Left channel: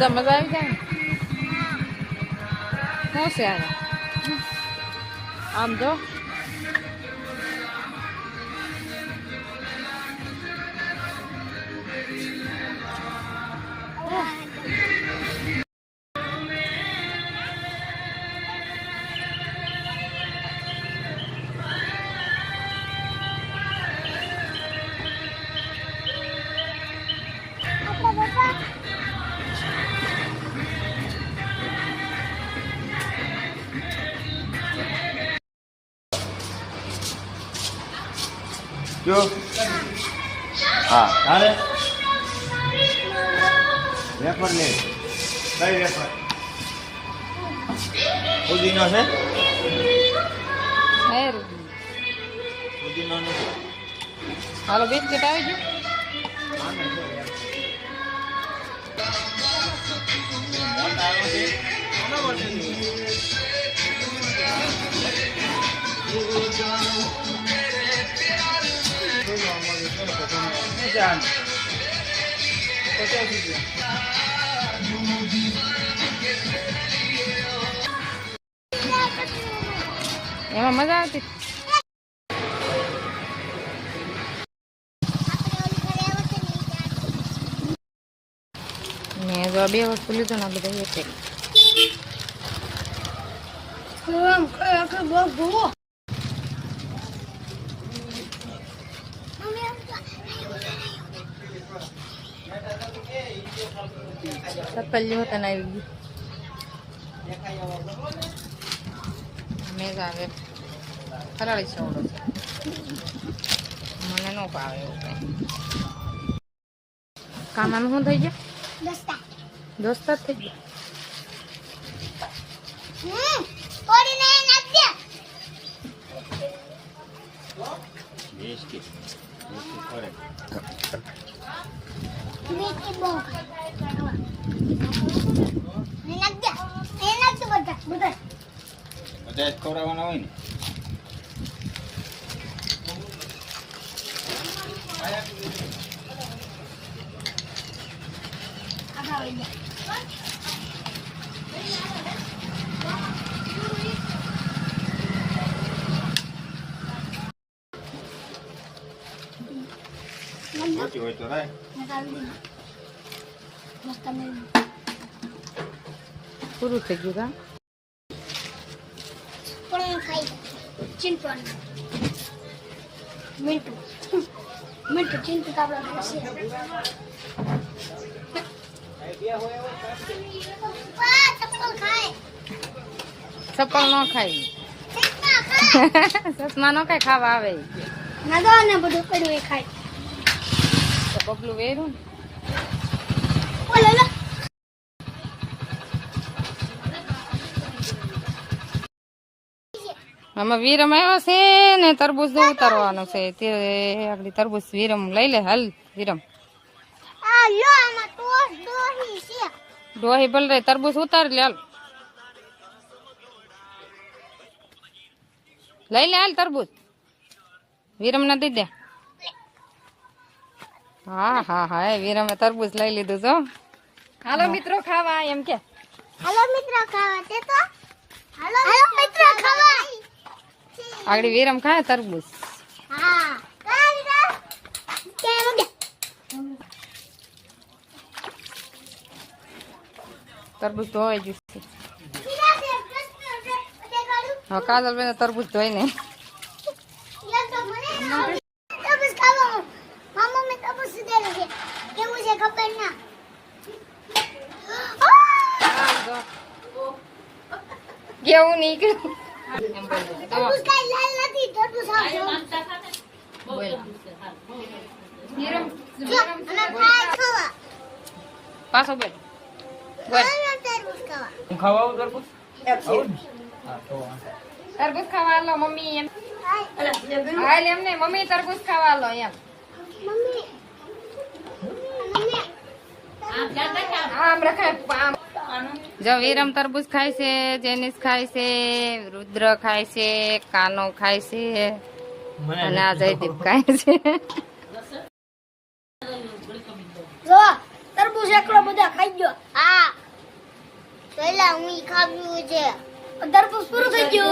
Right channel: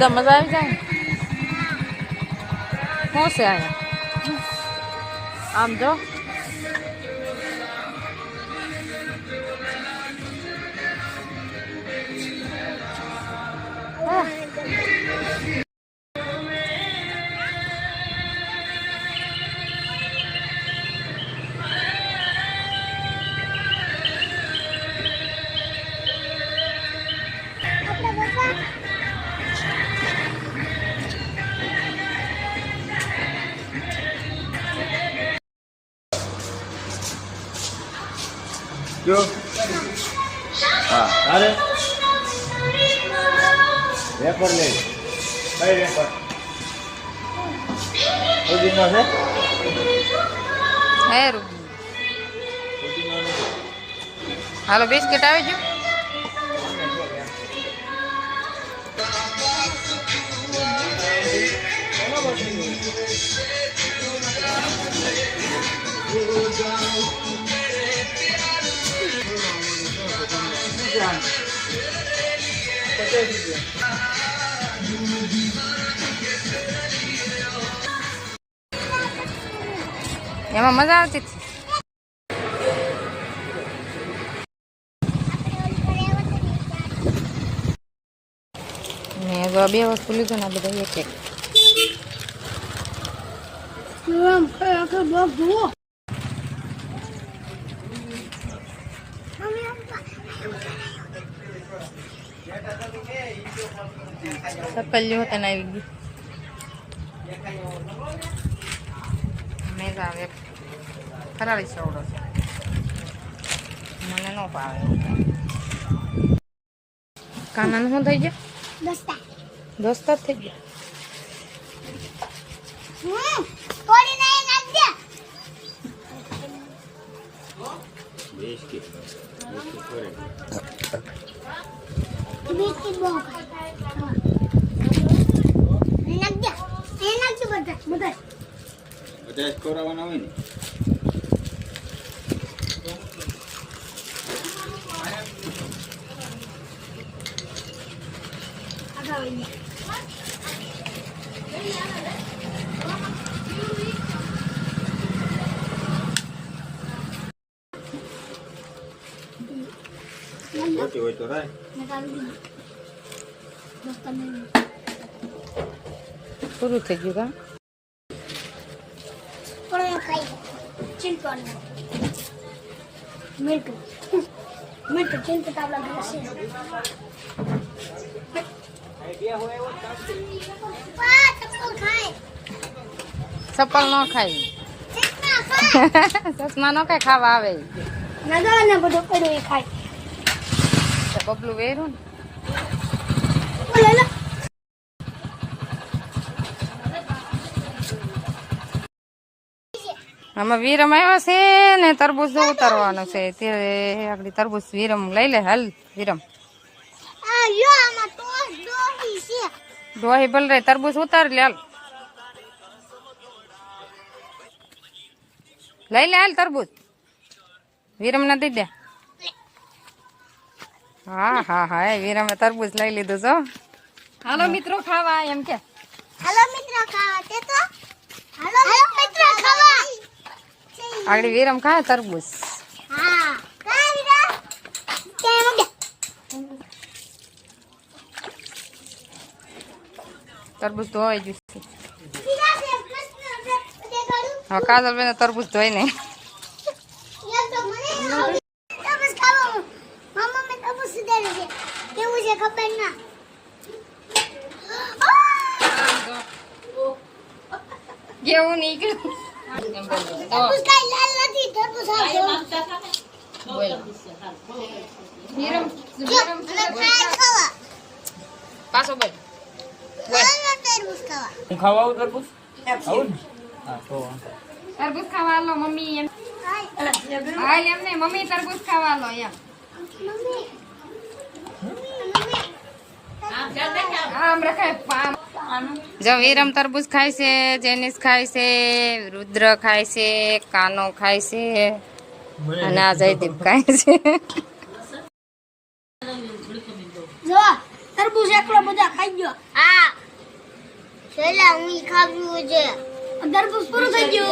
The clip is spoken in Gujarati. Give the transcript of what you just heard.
બધા મજા આવી જાય શું છે આયા આમ જો क्यों? हाँ अरे वेपर ले कई वेपर पुदीनो से है हालो बिस्किट આવી ગયું એમાં મજા આવતી મેં જો બે વસ્તુ લીધો ને બધા એક એક સપલ્યું હતા ને આવી ગયું મેઘા આવે ફરાળી સેવડો છે મને ન ભાવે કાનાનું શું થઈ ગયું દોસ્તા થઈ ગયા અત્યારે ખવડાવવાના હોય ને હોય તો રાય પૂરું થઈ ગયું કા मिंटू मिंटू चिंटू का अपना घर से ચપ્પલ ન ખાય ચશ્મા નો કઈ ખાવા આવે નગા ને બધું પડ્યું એ ખાય બબલું વેરું ઓલે લે આમાં વિરમ આવ્યો છે ને તરબૂચ ઉતારવાનો છે તે આગળ તરબૂચ વિરમ લઈ લે હાલ વિરમ આ યો આમાં તો દોહી છે ડોહી ભલ રે તરબૂચ ઉતારી લે હાલ લઈ લે હાલ તરબૂચ વિરમ ના દઈ દે હા હા હા વિરમે તરબૂચ લઈ લીધું જો હાલો મિત્રો ખાવા એમ કે હાલો મિત્રો ખાવા તે તો હાલો મિત્રો ખાવા આગળ વિરમ ખાય તરબૂચ હા કાંડા કેમ કે તરબૂચ ધોઈ ગયું છે હા કાજલ બેન તરબૂચ ધોઈ નહીં તબસ ખાવા મમ્મા મે તબસ દે છે કેવું છે ખબર ના કેવું નીકળ્યું તરબૂચ કાઈ લાલ નથી તરબૂચ આવજો વિરમ અને ખાવા પાછો બોલ હાલો તરબૂચ ખાવા હું ખાવા તરબૂચ આવું ને હા તો તરબૂચ ખાવા લો મમ્મી એમ હાલ એમ ને મમ્મી તરબૂચ ખાવા લો એમ મમ્મી આમ રખાય આમ જો વિરમ તરબૂચ ખાય છે જેનિસ ખાય છે રુદ્ર ખાય છે કાનો ખાય છે અને આ જયદીપ ખાય છે જો તરબૂચ એકલો બધા ખાઈ ગયો હા પેલા હું ખાવ્યું છે તરબૂચ પૂરું થઈ ગયું